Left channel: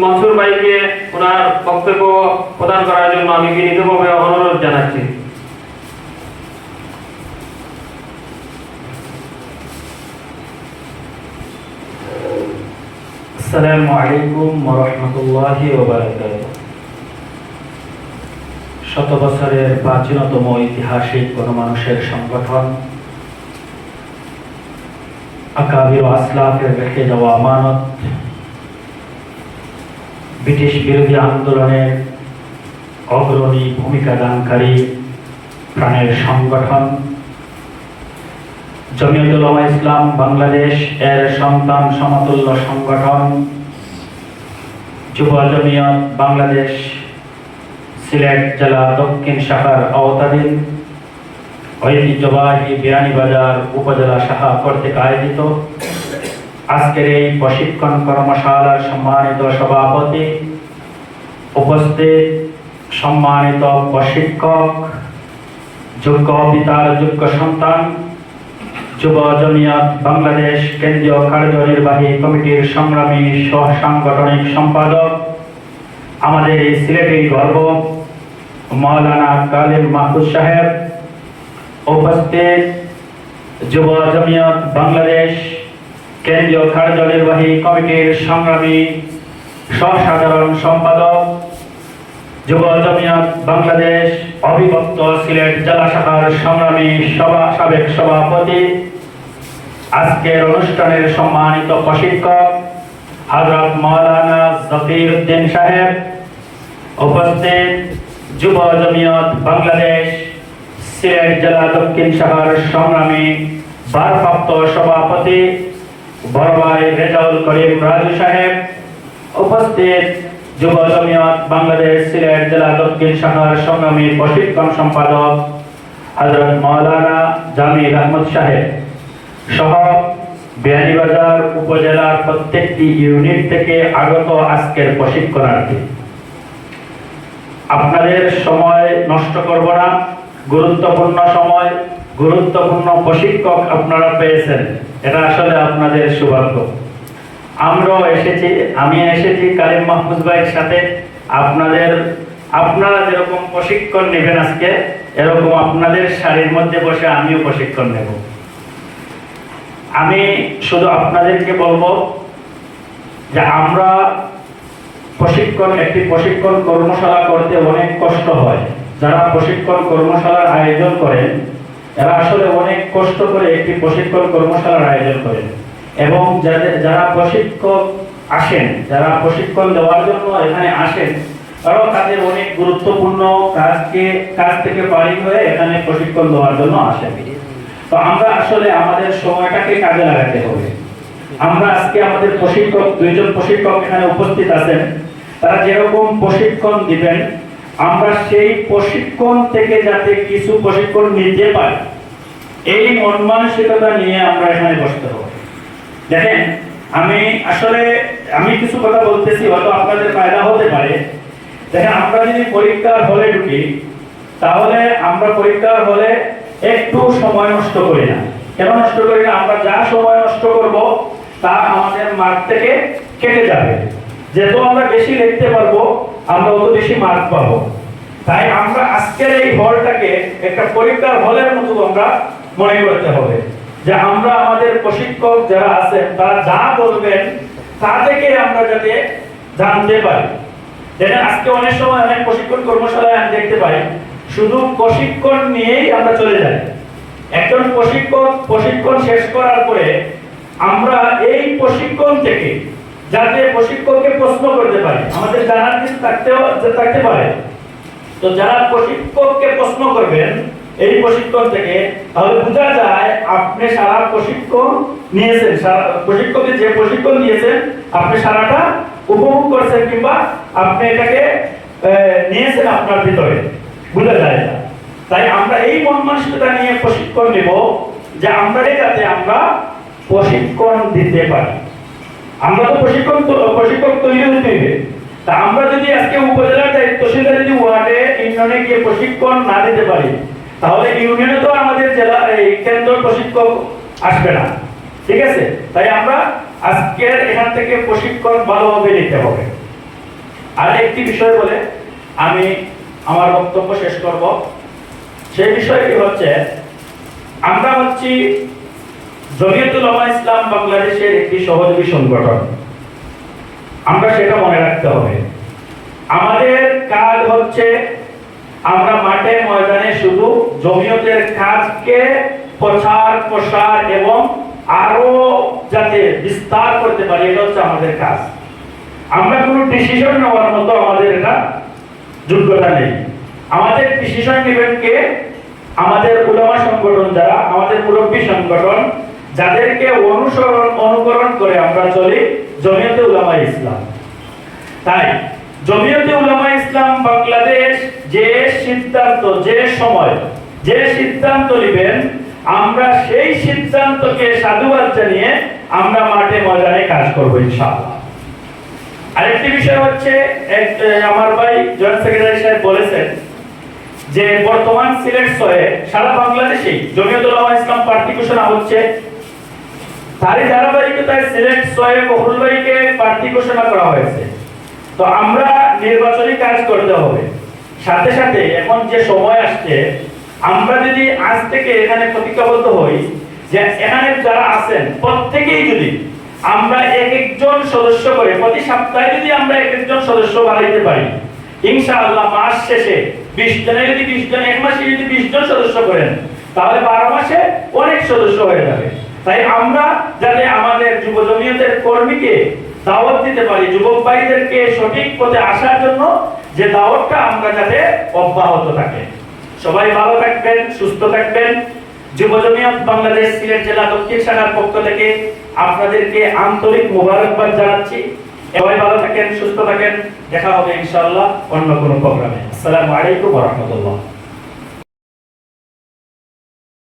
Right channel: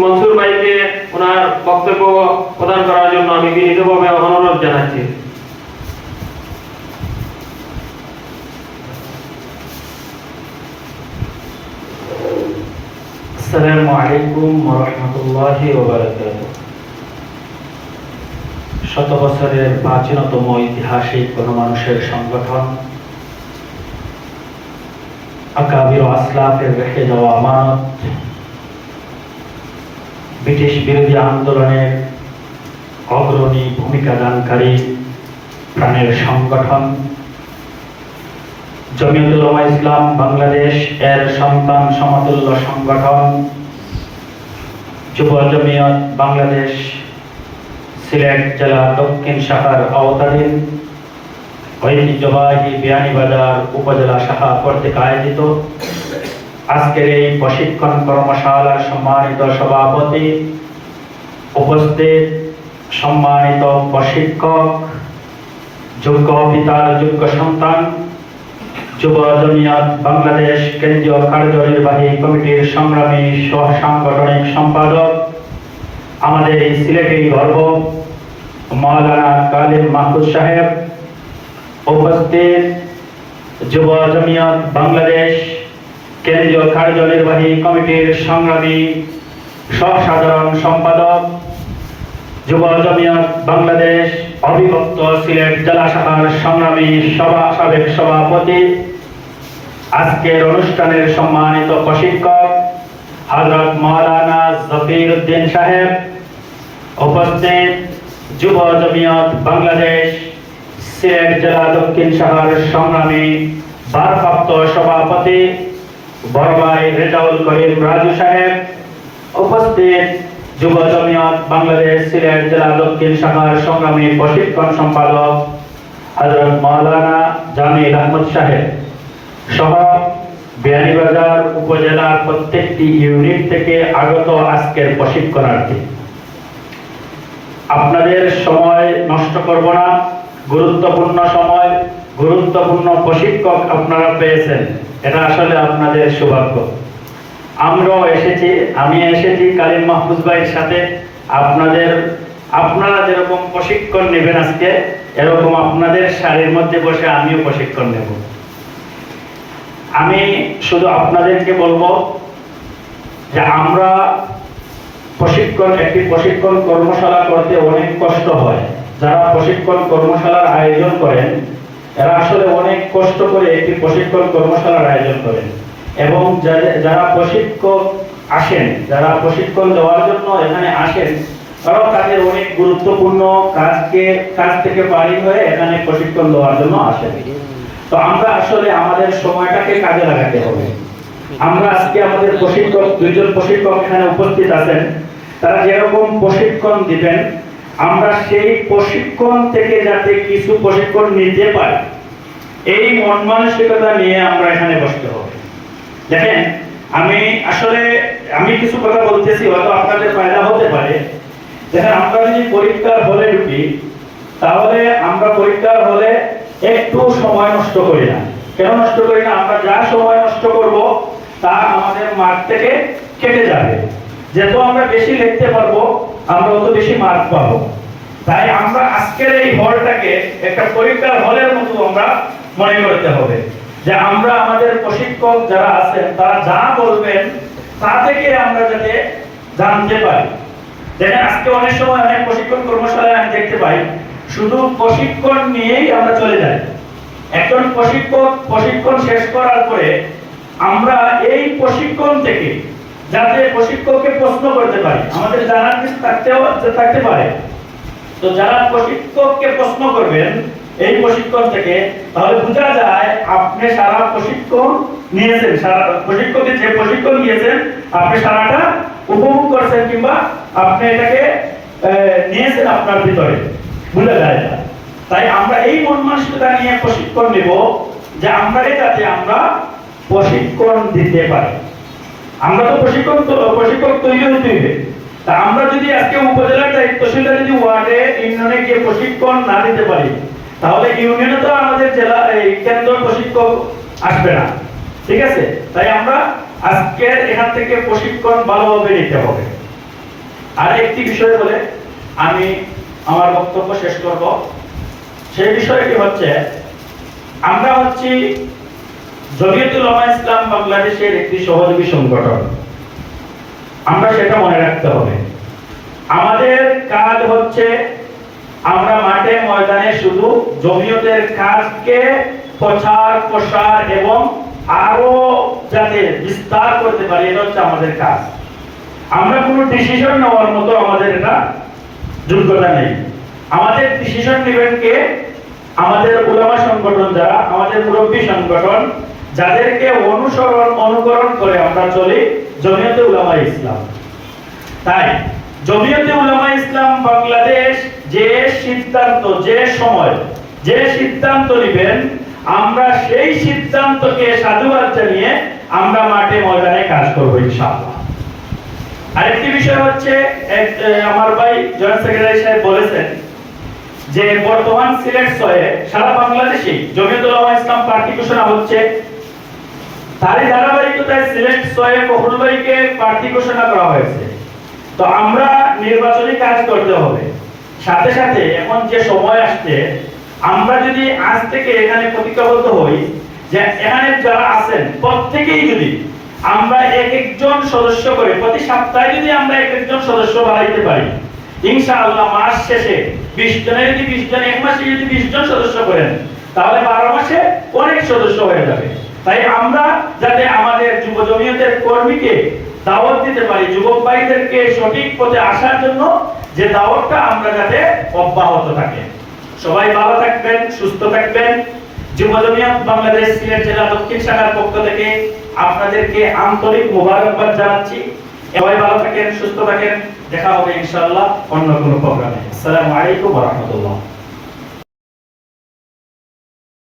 মনসুর ভাইকে ওনার বক্তব্য প্রদান করার জন্য আমি বিনীতভাবে অনুরোধ জানাচ্ছি। আসসালামু আলাইকুম ওরহমতুল্লাহি ওবারাকাতুহ শত বছরের প্রাচীনতম ঐতিহাসিক গণমানুষের সংগঠন, আকাবির আসলাফের রেখে যাওয়া আমানত ব্রিটিশ বিরোধী আন্দোলনের অগ্রণী ভূমিকা দানকারী প্রাণের সংগঠন। জমিয়তুল ইসলাম বাংলাদেশ এর সন্তান সমতুল্য সংগঠন। যুব জমিয়ত বাংলাদেশ সিলেট জেলা দক্ষিণ শাখার আওতাধীন। ঐতিহ্যবাহী বিয়ানীবাজার উপজেলা শাখা কর্তৃক আয়োজিত আজকের এই প্রশিক্ষণ কর্মশালার সম্মানিত সভাপতি উপস্থিত সম্মানিত প্রশিক্ষক, যোগ্য পিতার যোগ্য সন্তান, যুব জমিয়ত বাংলাদেশ কেন্দ্রীয় কার্যনির্বাহী কমিটির সংগ্রামী সহ সাংগঠনিক সম্পাদক, আমাদের এই সিলেটি গর্ব, মাওলানা কালিম মাহফুজ সাহেব, উপস্থিত যুব জমিয়ত বাংলাদেশ কেন্দ্রীয় কার্যনির্বাহী কমিটির সংগ্রামী সহসাধারণ সম্পাদক, যুব জমিয়ত বাংলাদেশ অবিভক্ত সিলেট জেলা শাখার সংগ্রামী সভা সাবেক সভাপতি, আজকের অনুষ্ঠানের সম্মানিত প্রশিক্ষক হজরত মাওলানা জকির উদ্দিন সাহেব, উপস্থিত যুব জমিয়ত বাংলাদেশ সিলেট জেলা দক্ষিণ শাখার সংগ্রামী, ভারপ্রাপ্ত সভাপতি বড়ভাই রেজাউল করিম রাজু সাহেব, উপস্থিত যুব জমিয়ত বাংলাদেশ সিলেট জেলা দক্ষিণ শাখার সংগ্রামী প্রশিক্ষণ সম্পাদক হজরত মাওলানা জামিল আহমদ সাহেব। সহ উপজেলার প্রত্যেকটি ইউনিট থেকে আগত আজকের প্রশিক্ষণার্থী। আপনাদের সময় নষ্ট করব না, গুরুত্বপূর্ণ সময়, গুরুত্বপূর্ণ প্রশিক্ষক আপনারা পেয়েছেন। এটা আসলে আপনাদের সৌভাগ্য। আমরাও এসেছি, আমি এসেছি কালিম মাহফুজ ভাইয়ের সাথে। আপনাদের, আপনারা যেরকম প্রশিক্ষণ নেবেন আজকে, এরকম আপনাদের শাড়ির মধ্যে বসে আমিও প্রশিক্ষণ নেব। আমি শুধু আপনাদেরকে বলব যে আমরা প্রশিক্ষণ, একটি প্রশিক্ষণ কর্মশালা করতে অনেক কষ্ট হয়। যারা প্রশিক্ষণ কর্মশালার আয়োজন করেন এরা আসলে অনেক কষ্ট করে একটি প্রশিক্ষণ কর্মশালার আয়োজন করেন। এবং যারা প্রশিক্ষক আসেন, যারা প্রশিক্ষণ দেওয়ার জন্য এখানে আসেন, তারাও তাদের অনেক গুরুত্বপূর্ণ কাজকে, কাজ থেকে বাড়ি হয়ে এখানে প্রশিক্ষণ দেওয়ার জন্য আসেন। তো আমরা আসলে আমাদের সময়টাকে কাজে লাগাতে হবে। আমরা আজকে আমাদের প্রশিক্ষক, দুইজন প্রশিক্ষক এখানে উপস্থিত আছেন। তারা যেরকম প্রশিক্ষণ দিবেন আমরা সেই প্রশিক্ষণ থেকে যাতে কিছু প্রশিক্ষণ নিতে পারি, এই মন মানসিকতা নিয়ে আমরা এখানে বসতে হবে। দেখেন, আমি আসলে, আমি কিছু কথা বলতেছি, হয়তো আপনাদের ফায়দা হতে পারে। দেখেন, আমরা যদি পরীক্ষার হলে ঢুকি, তাহলে আমরা পরীক্ষার হলে একটু সময় নষ্ট করি না। কেন নষ্ট করি না? আমরা যা সময় নষ্ট করব, তা আমাদের মার্ক থেকে কেটে যাবে। যেহেতু আমরা বেশি লিখতে পারব আমরা অত বেশি মার্ক পাবো। তাই আমরা আজকের এই হলটাকে একটা পরীক্ষার হলের মতো আমরা মনে করতে হবে। যে আমরা আমাদের প্রশিক্ষক যারা আছেন, তারা যা বলবেন, তা থেকে আমরা যাতে জানতে পারি। দেখেন আজকে অনেক সময় অনেক প্রশিক্ষণ কর্মশালায় আমি দেখতে পাই, শুধু প্রশিক্ষণ নিয়েই আমরা চলে যাই। একজন প্রশিক্ষক প্রশিক্ষণ শেষ করার পরে আমরা এই প্রশিক্ষণ থেকে যাতে প্রশিক্ষককে প্রশ্ন করতে পারে। আমাদের জানার কিছু থাকতেও থাকতে পারে। তো যারা প্রশিক্ষককে প্রশ্ন করবেন, এই প্রশিক্ষণ থেকে তাহলে বোঝা যায় আপনি সারা প্রশিক্ষণ নিয়েছেন। সারা প্রশিক্ষকের যে প্রশিক্ষণ নিয়েছেন, আপনি সারাটা উপভোগ করছেন কিংবা আপনি এটাকে নিয়েছেন আপনার ভিতরে। বোঝা যায় না। তাই আমরা এই মন মানসিকতা নিয়ে প্রশিক্ষণ নেব যে আমরা যাতে আমরা প্রশিক্ষণ দিতে পারি। আমরা তো প্রশিক্ষণ প্রশিক্ষক তৈরি হতে হবে তা আমরা যদি আজকে উপজেলার দায়িত্বশীলরা যদি ওয়ার্ডে, ইউনিয়নে গিয়ে প্রশিক্ষণ না দিতে পারি, তাহলে ইউনিয়নে তো আমাদের জেলা কেন্দ্র প্রশিক্ষক আসবে না। ঠিক আছে? তাই আমরা আজকের এখান থেকে প্রশিক্ষণ ভালোভাবে নিতে হবে। আর একটি বিষয় বলে আমি আমার বক্তব্য শেষ করব। সেই বিষয়টি হচ্ছে, আমরা হচ্ছি জমিয়তুল উলামা ইসলাম বাংলাদেশের একটি সহযোগী সংগঠন। আমরা সেটা মনে রাখতে হবে। আমাদের কাজ হচ্ছে আমরা মাঠে ময়দানে শুধু জমিয়তের কাজকে প্রচার, প্রসার এবং আরও যাতে বিস্তার করতে পারি, এটা হচ্ছে আমাদের কাজ। আমরা কোনো ডিসিশন নেওয়ার মতো আমাদের এটা যোগ্যতা নেই। আমাদের ডিসিশন নেবেন কে? আমাদের উলামা সংগঠন যারা, আমাদের মুরব্বী সংগঠন যাদেরকে অনুসরণ, অনুকরণ করে আমরা চলি জমিয়তে উলামা ইসলাম। তাই জমিয়তে উলামা ইসলাম বাংলাদেশ যে সিদ্ধান্ত, যে সময়, যে সিদ্ধান্ত নেবেন, আমরা সেই সিদ্ধান্তকে সাধুবাদ জানিয়ে আমরা মাঠে ময়দানে কাজ করব ইনশাআল্লাহ। আরেকটি বিষয় হচ্ছে আমার ভাই জয়েন্ট সেক্রেটারি সাহেব বলেছেন যে বর্তমান সিলেট শহরে সারা বাংলাদেশে জমিয়তুল উলামা ইসলাম ঘোষণা হচ্ছে তারই ধারাবাহিকতায় সিলেট শহরে কহুল ভাইকে প্রার্থী ঘোষণা করা হয়েছে। তো আমরা নির্বাচনী কাজ করতে হবে। সাথে সাথে এখন যে সময় আসছে, আমরা যদি আজ থেকে এখানে প্রতিজ্ঞাবদ্ধ হই যে এখানে যারা আছেন, প্রত্যেকেই যদি আমরা এক একজন সদস্য করে প্রতি সপ্তাহে যদি আমরা এক একজন সদস্য বাড়াইতে পারি, ইনশাআল্লাহ মাস শেষে বিশ জনে যদি বিশ জন, এক মাসে যদি বিশ জন সদস্য করেন, তাহলে বারো মাসে অনেক সদস্য হয়ে যাবে। তাই আমরা যাতে আমাদের যুব জমিয়তের কর্মীকে দাওয়াত দিতে পারি যুবক ভাইদেরকে সঠিক পথে আসার জন্য যে দাওয়াতটা আমরা যাতে অব্যাহত থাকে। সবাই ভালো থাকবেন, সুস্থ থাকবেন। যুব জমিয়ত বাংলাদেশ সিলেট জেলা দক্ষিণ শাখার পক্ষ থেকে আপনাদেরকে আন্তরিক মোবারকবাদ জানাচ্ছি। সবাই ভালো থাকেন, সুস্থ থাকেন। দেখা হবে ইনশাআল্লাহ অন্য কোনো প্রোগ্রামে। আসসালামু আলাইকুম ওয়া রাহমাতুল্লাহ।